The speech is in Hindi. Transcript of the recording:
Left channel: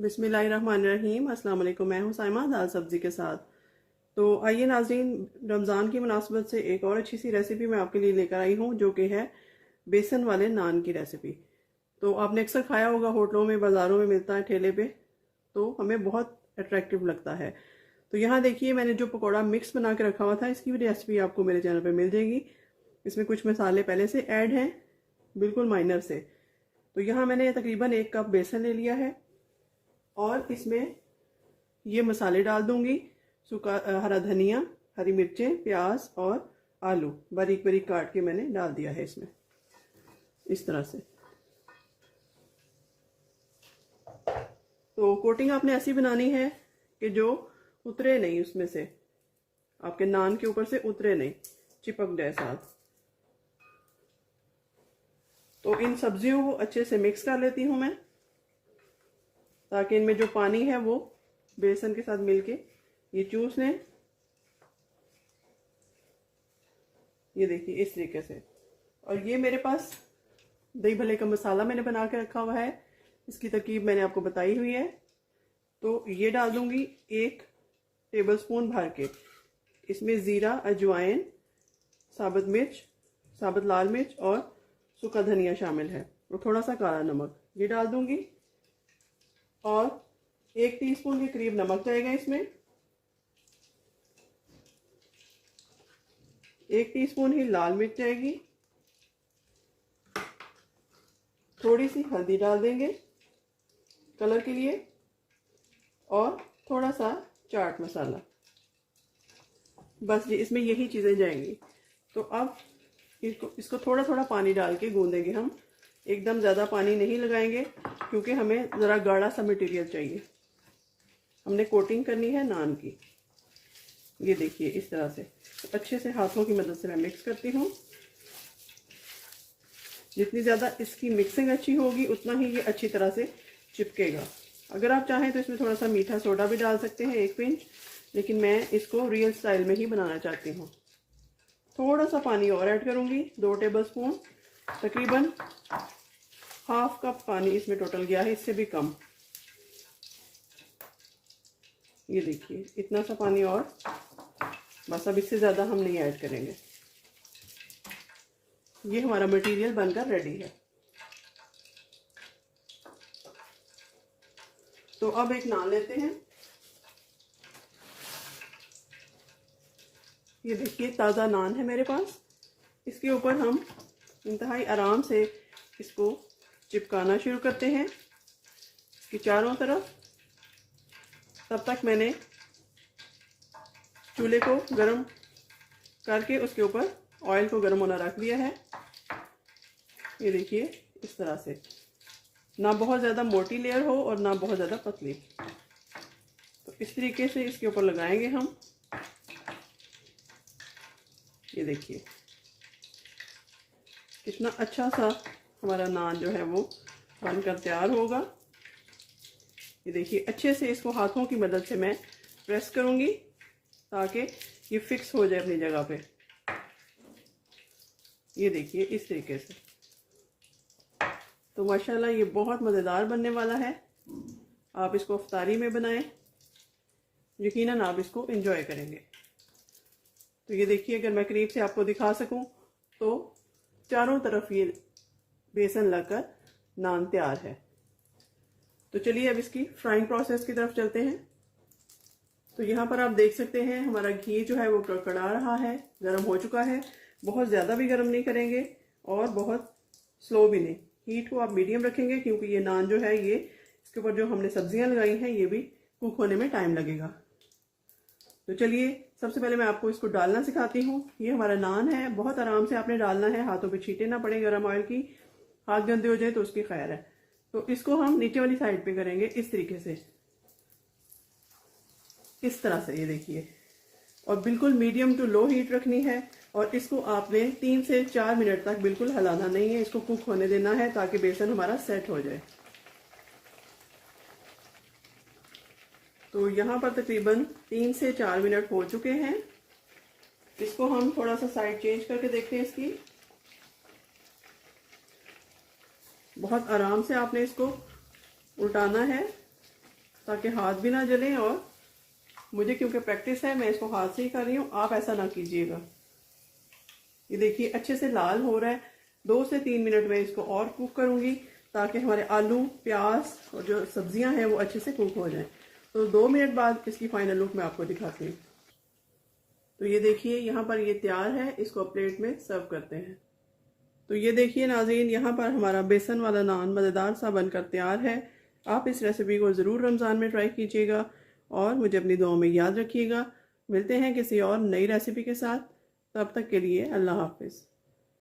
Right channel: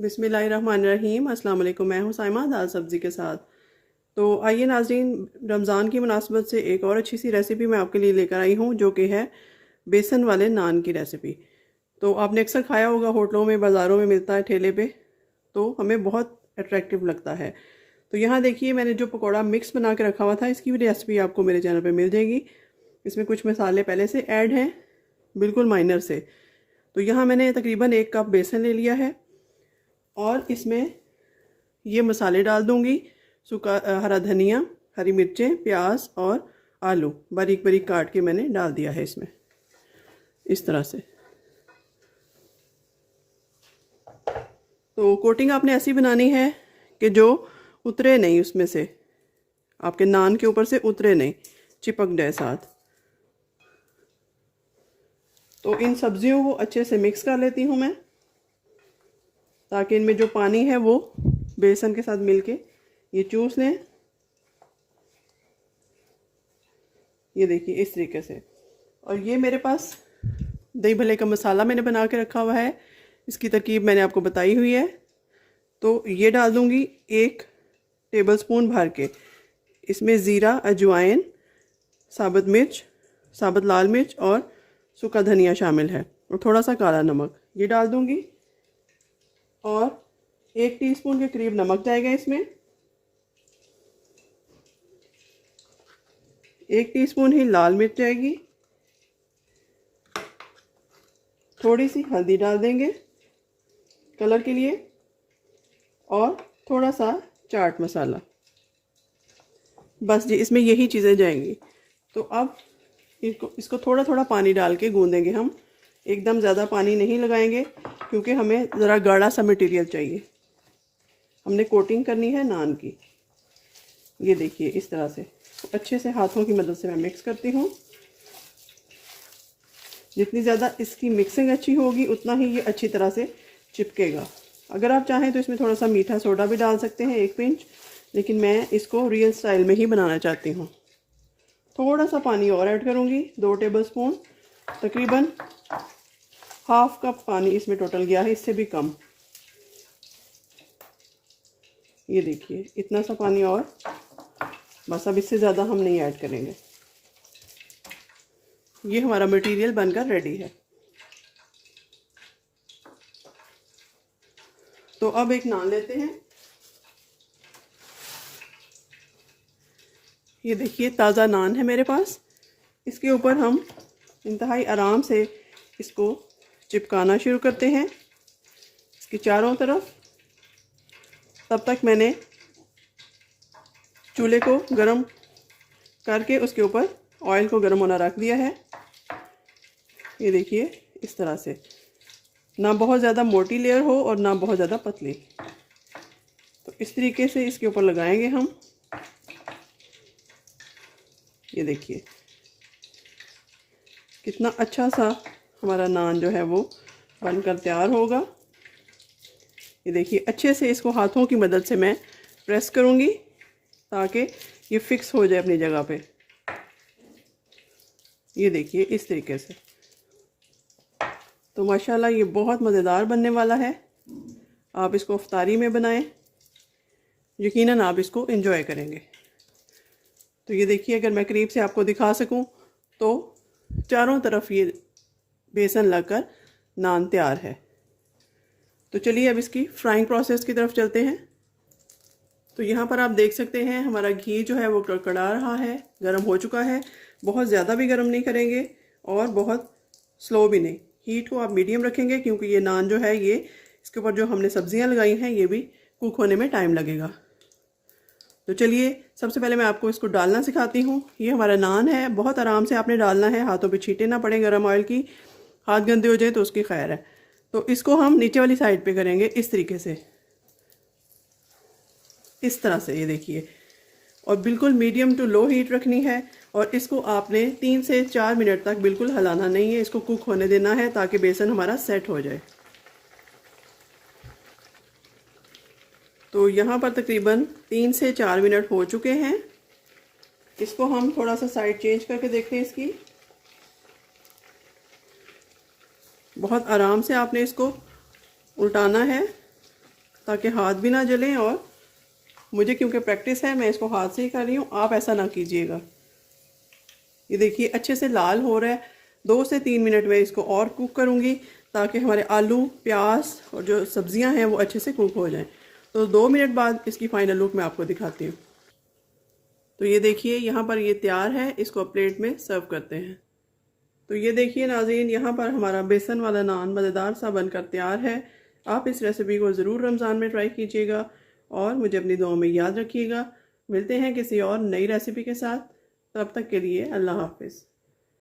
बिस्मिल्लाहिर्रहमानिर्रहीम। अस्सलाम वालेकुम। मैं हूँ साइमा दाल सब्ज़ी के साथ। तो आइए नाज़रीन, रमज़ान की मुनासबत से एक और अच्छी सी रेसिपी मैं आपके लिए लेकर आई हूँ, जो कि है बेसन वाले नान की रेसिपी। तो आपने अक्सर खाया होगा, होटलों में, बाज़ारों में मिलता है ठेले पे, तो हमें बहुत अट्रैक्टिव लगता है। तो यहाँ देखिए, मैंने जो पकौड़ा मिक्स बना के रखा हुआ था, इसकी भी रेसिपी आपको मेरे चैनल पर मिल जाएगी। इसमें कुछ मसाले पहले से ऐड हैं, बिल्कुल माइनर से। तो यहाँ मैंने तकरीबन 1 कप बेसन ले लिया है और इसमें ये मसाले डाल दूंगी। सूखा हरा धनिया, हरी मिर्चें, प्याज और आलू बारीक बारीक काट के मैंने डाल दिया है इसमें, इस तरह से। तो कोटिंग आपने ऐसी बनानी है कि जो उतरे नहीं, उसमें से आपके नान के ऊपर से उतरे नहीं, चिपक जाए साथ। तो इन सब्जियों को अच्छे से मिक्स कर लेती हूँ मैं, ताकि इनमें जो पानी है वो बेसन के साथ मिलके ये चूस लें। ये देखिए इस तरीके से। और ये मेरे पास दही भल्ले का मसाला मैंने बना के रखा हुआ है, इसकी तरकीब मैंने आपको बताई हुई है। तो ये डाल दूंगी 1 टेबलस्पून भर के। इसमें ज़ीरा, अजवाइन, साबुत मिर्च, साबुत लाल मिर्च और सूखा धनिया शामिल है, और थोड़ा सा काला नमक ये डाल दूंगी। और 1 टीस्पून के करीब नमक जाएगा इसमें। 1 टीस्पून ही लाल मिर्च जाएगी। थोड़ी सी हल्दी डाल देंगे कलर के लिए, और थोड़ा सा चाट मसाला। बस जी, इसमें यही चीज़ें जाएंगी। तो अब इसको थोड़ा थोड़ा पानी डाल के गूंदेंगे हम। एकदम ज़्यादा पानी नहीं लगाएंगे, क्योंकि हमें ज़रा गाढ़ा सा मटेरियल चाहिए। हमने कोटिंग करनी है नान की। ये देखिए इस तरह से अच्छे से हाथों की मदद से मैं मिक्स करती हूँ। जितनी ज़्यादा इसकी मिक्सिंग अच्छी होगी, उतना ही ये अच्छी तरह से चिपकेगा। अगर आप चाहें तो इसमें थोड़ा सा मीठा सोडा भी डाल सकते हैं, 1 पिंच, लेकिन मैं इसको रियल स्टाइल में ही बनाना चाहती हूँ। थोड़ा सा पानी और ऐड करूँगी, 2 टेबलस्पून, तकरीबन ½ कप पानी इसमें टोटल गया है, इससे भी कम। ये देखिए इतना सा पानी, और बस अब इससे ज़्यादा हम नहीं ऐड करेंगे। ये हमारा मटेरियल बनकर रेडी है। तो अब एक नान लेते हैं। ये देखिए ताज़ा नान है मेरे पास। इसके ऊपर हम इंतहाई आराम से इसको चिपकाना शुरू करते हैं, इसकी चारों तरफ। तब तक मैंने चूल्हे को गरम करके उसके ऊपर ऑयल को गरम होना रख दिया है। ये देखिए इस तरह से, ना बहुत ज़्यादा मोटी लेयर हो और ना बहुत ज़्यादा पतली। तो इस तरीके से इसके ऊपर लगाएंगे हम। ये देखिए कितना अच्छा सा हमारा नान जो है वो बनकर तैयार होगा। ये देखिए अच्छे से इसको हाथों की मदद से मैं प्रेस करूँगी, ताकि ये फिक्स हो जाए अपनी जगह पे। ये देखिए इस तरीके से। तो माशाल्लाह ये बहुत मज़ेदार बनने वाला है। आप इसको इफ्तारी में बनाएं, यकीनन आप इसको एंजॉय करेंगे। तो ये देखिए, अगर मैं करीब से आपको दिखा सकूं तो चारों तरफ ये बेसन लगकर नान तैयार है। तो चलिए अब इसकी फ्राइंग प्रोसेस की तरफ चलते हैं। तो यहाँ पर आप देख सकते हैं हमारा घी जो है वो कड़कड़ा रहा है, गर्म हो चुका है। बहुत ज़्यादा भी गर्म नहीं करेंगे और बहुत स्लो भी नहीं। हीट को आप मीडियम रखेंगे, क्योंकि ये नान जो है, ये इसके ऊपर जो हमने सब्जियाँ लगाई हैं, ये भी कुक होने में टाइम लगेगा। तो चलिए सबसे पहले मैं आपको इसको डालना सिखाती हूँ। ये हमारा नान है, बहुत आराम से आपने डालना है, हाथों पे छींटे ना पड़े गर्म ऑयल की। हाथ गंदे हो जाए तो उसकी खैर है। तो इसको हम नीचे वाली साइड पे करेंगे इस तरीके से, इस तरह से। ये देखिए, और बिल्कुल मीडियम टू लो हीट रखनी है। और इसको आपने 3 से 4 मिनट तक बिल्कुल हिलाना नहीं है, इसको कुक होने देना है, ताकि बेसन हमारा सेट हो जाए। तो यहाँ पर तकरीबन 3 से 4 मिनट हो चुके हैं। इसको हम थोड़ा सा साइड चेंज करके देखते हैं इसकी। बहुत आराम से आपने इसको उल्टाना है, ताकि हाथ भी ना जलें। और मुझे क्योंकि प्रैक्टिस है, मैं इसको हाथ से ही कर रही हूँ, आप ऐसा ना कीजिएगा। ये देखिए अच्छे से लाल हो रहा है। 2 से 3 मिनट में इसको और कुक करूँगी ताकि हमारे आलू, प्याज और जो सब्जियां हैं वो अच्छे से कुक हो जाएं। तो 2 मिनट बाद इसकी फाइनल लुक मैं आपको दिखाती हूँ। तो ये देखिए यहाँ पर ये तैयार है, इसको प्लेट में सर्व करते हैं। तो ये देखिए नाज़रीन, यहाँ पर हमारा बेसन वाला नान मज़ेदार सा बनकर तैयार है। आप इस रेसिपी को ज़रूर रमज़ान में ट्राई कीजिएगा और मुझे अपनी दुआओं में याद रखिएगा। मिलते हैं किसी और नई रेसिपी के साथ, तब तक के लिए अल्लाह हाफ़िज़।